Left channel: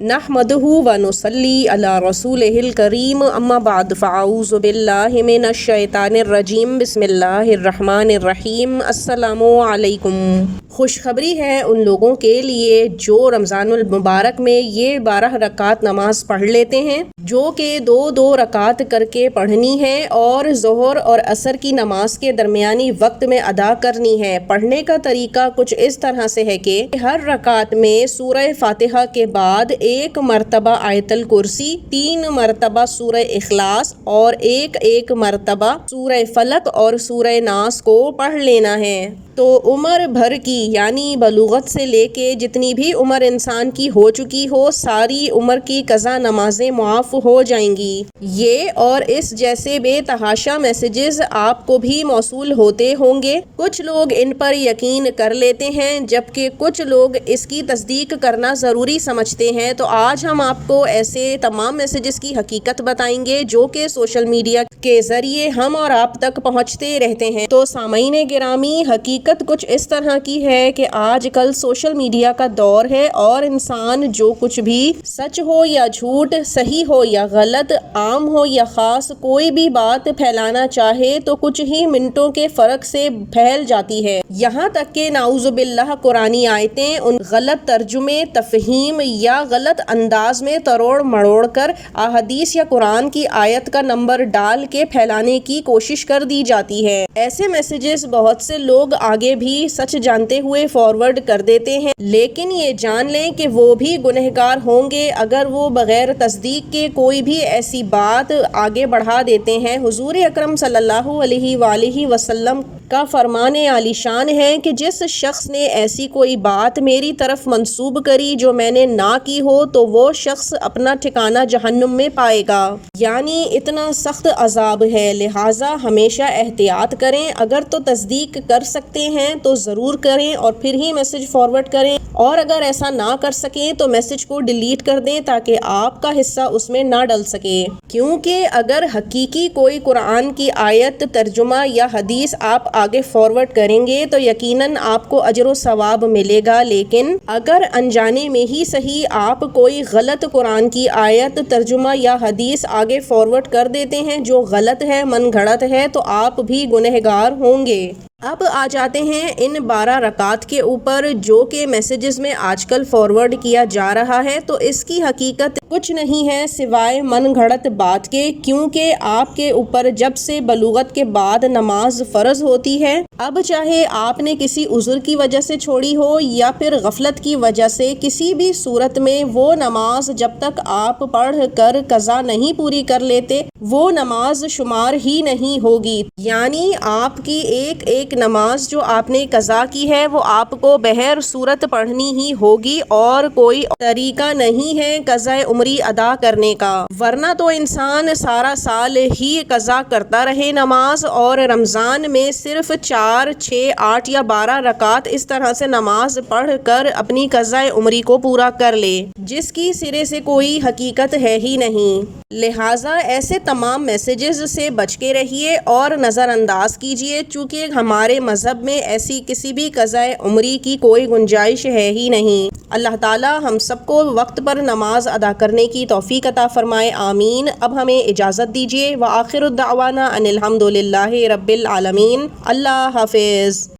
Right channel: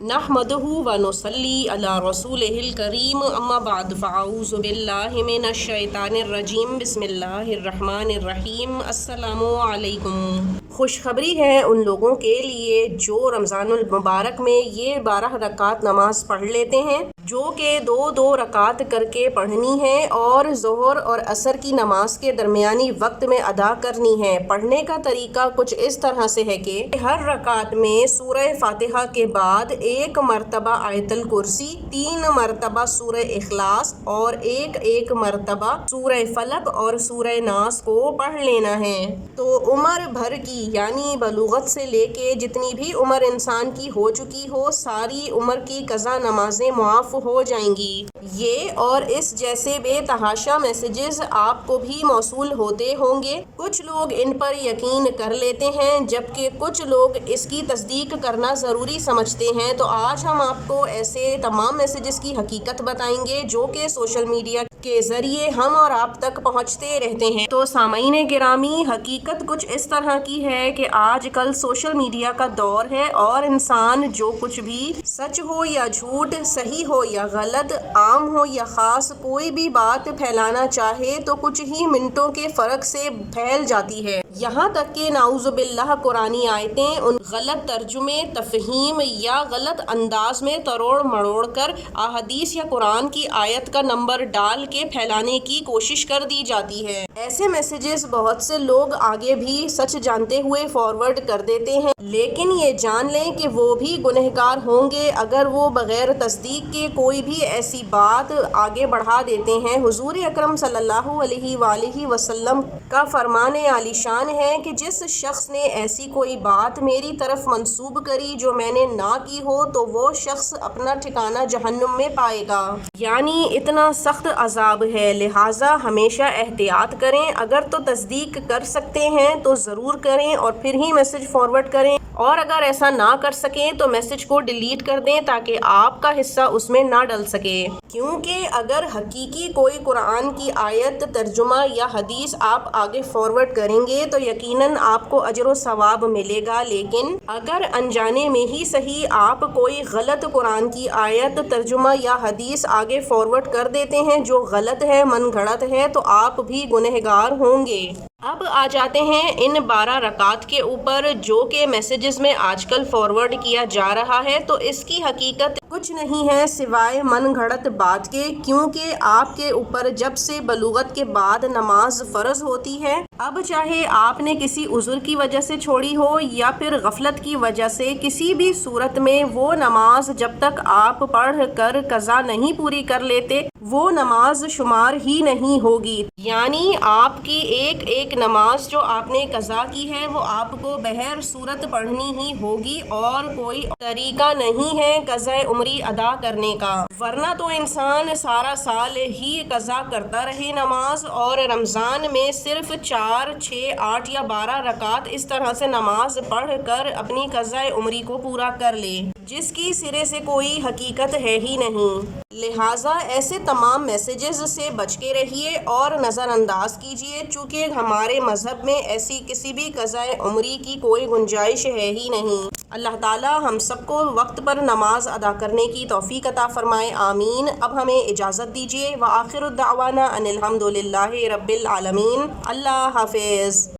نحمدہ و نصلی علی رسولہ الکریم اما بعد فاعوذ باللہ من الشیطان الرجیم بسم اللہ الرحمن الرحیم السلام علیکم۔ خوشخبری ہے ان لوگوں کے لیے جو رمضان المبارک میں یہ 12 رکعت نماز پڑھ لیتے ہیں، جو کہ 2 رکعت کر کے پڑھنی ہے اور ظہر اور عصر کی نماز کے درمیانی وقت میں ادا کرنی ہے۔ پڑھنے کا طریقہ کچھ اس طرح سے ہے کہ ہر رکعت میں سورہ فاتحہ کے بعد 1 مرتبہ آیت الکرسی، 3 مرتبہ سورہ اخلاص اور 1 مرتبہ سورہ فلق اور سورہ ناس کو پڑھ لینا ہے۔ تو عمر بھر کی یعنی بلوغت سے لے کے جتنی بھی عمر انسان کی ہو چکی ہو، ساری عمر کی قضا نمازیں معاف ہو جائیں گی۔ یہ اور اس جیسے بے تحاشا میسیجز آپ کو بھی موصول ہوتے ہوں گے۔ کچھ لوگ ان پر یقین کر لیتے ہیں جبکہ کچھ لوگ اس کی تصدیق کرنا ضروری سمجھتے ہیں۔ تو آج ہم آپ کو ایسے تمام میسیجز کی حقیقت بتائیں گے جو کہ سوشل میڈیا کے ذریعے ہم اور آپ تک پہنچتے رہتے ہیں۔ تو سامعین گرامی، حقیقت کچھ اس طرح کی ہے کہ آج کل سوشل میڈیا کا دور ہے اور انسان جو کچھ بھی سچ ہو یا جھوٹ، صحیح ہو یا غلط، عام ہو یا خاص، کوئی بھی بات پھیلانا چاہے تو کچھ ہی منٹوں کے فرق سے پھیل جاتی ہے۔ یہاں تک کہ نعوذ باللہ قرآنی آیتیں ان غلط ترجمے، تفہیم یا غلط انداز میں تروڑ مڑوڑ کر احادیث یا قرآن کی آیت کا نمبر ڈال کے پھیلانے کی کوشش کر دی جاتی ہے۔ ایسے میسیجز بہت سے لوگ آگے بھی سچ جانتے ہوئے فارورڈ کر دیتے ہیں، لیکن یہ جان لیں کہ وہ بھی گنہگار ہوں گے اگر وہ بغیر تصدیق کے کوئی بھی ایسی بات آگے بڑھا دیتے ہیں۔ حضور اکرم صلی اللہ علیہ وآلہ وسلم کا فرمان عالی شان ہے کہ جس شخص نے ایسی کوئی بات میری طرف منسوب کری جو میں نے نہ کی ہو تو وہ شخص اپنا ٹھکانہ جہنم میں پائے گا، یعنی اتنا سخت عذاب ہے۔ لہٰذا ہمیشہ احتیاط کریں، اگر تو تصدیق کر سکتے ہیں تو ضرور کریں اور پھر ہی میسج فارورڈ کریں، اور اگر ایسا نہ کر سکیں تو میسج کو ڈیلیٹ کر دیں تاکہ آپ کا حصہ اس میں نہ ڈل سکے۔ کیونکہ اگر حقیقی کوئی قرآن کی آیت، ترجمہ یا حدیث آپ آگے فارورڈ کریں گے تو یقیناً آپ کو اجر و ثواب ملے گا، لیکن اگر انجانے میں ہی صحیح آپ کوئی غلط قرآن کی آیت، ترجمہ یا حدیث آگے فارورڈ کر دیتے ہیں جو غلط ہے، من گھڑت ہے، تو آپ بھی گنہگار ہوں گے۔ اب آ جاتے ہیں ان 12 رکعت کے اوپر جو کہ میسیجز میں آج کل فارورڈ کیا جا رہا ہے۔ تو اس کی حقیقت کچھ نہیں ہے سوائے من گھڑت بات کے، کیونکہ آپ کے اوپر جب سے بلوغت کے بعد نماز فرض ہوتی ہے، اب چاہے آپ نے کسی عذر کی وجہ سے چھوڑی ہو یا پھر غفلت کی وجہ سے، کسی بھی صورت میں وہ نماز جب تک آپ پڑھ کر قضا نہیں پوری کر لیتے، وہ نماز شمار ہی نہیں ہوگی۔ یعنی آپ کی ایک نماز جو آپ نے قضا کی ہے وہ آپ کو بہر صورت پڑھنی ہی ہوگی اور کوئی طریقہ نہیں ہے قضا عمری ادا کرنے کا، ورنہ تو انسان سارا سال ہی قضا کرتا رہے نماز، اور رمضان میں صرف 4، 6، 8 یا 12 رکعت اس طرح سے نماز پڑھ کر اپنی قضا عمری کو پورا کر لے، جس کی سرے سے کوئی حقیقت ہے ہی نہیں۔ لہٰذا ایسے تمام میسیجز سے بچ کے رہیے اور نظر انداز کیجیے، چونکہ ہمارے مذہب میں ایسی کسی بھی قضا عمری کی کوئی گنجائش ہے ہی نہیں۔ اللہ تعالیٰ ہم سب کو وقت پر نماز ادا کرنے کی توفیق عطا فرمائے، آمین۔ اب ہمیں اجازت دیجیے، وآخر الدعوانا ان الحمد للہ رب العالمین۔ اللہ حافظ۔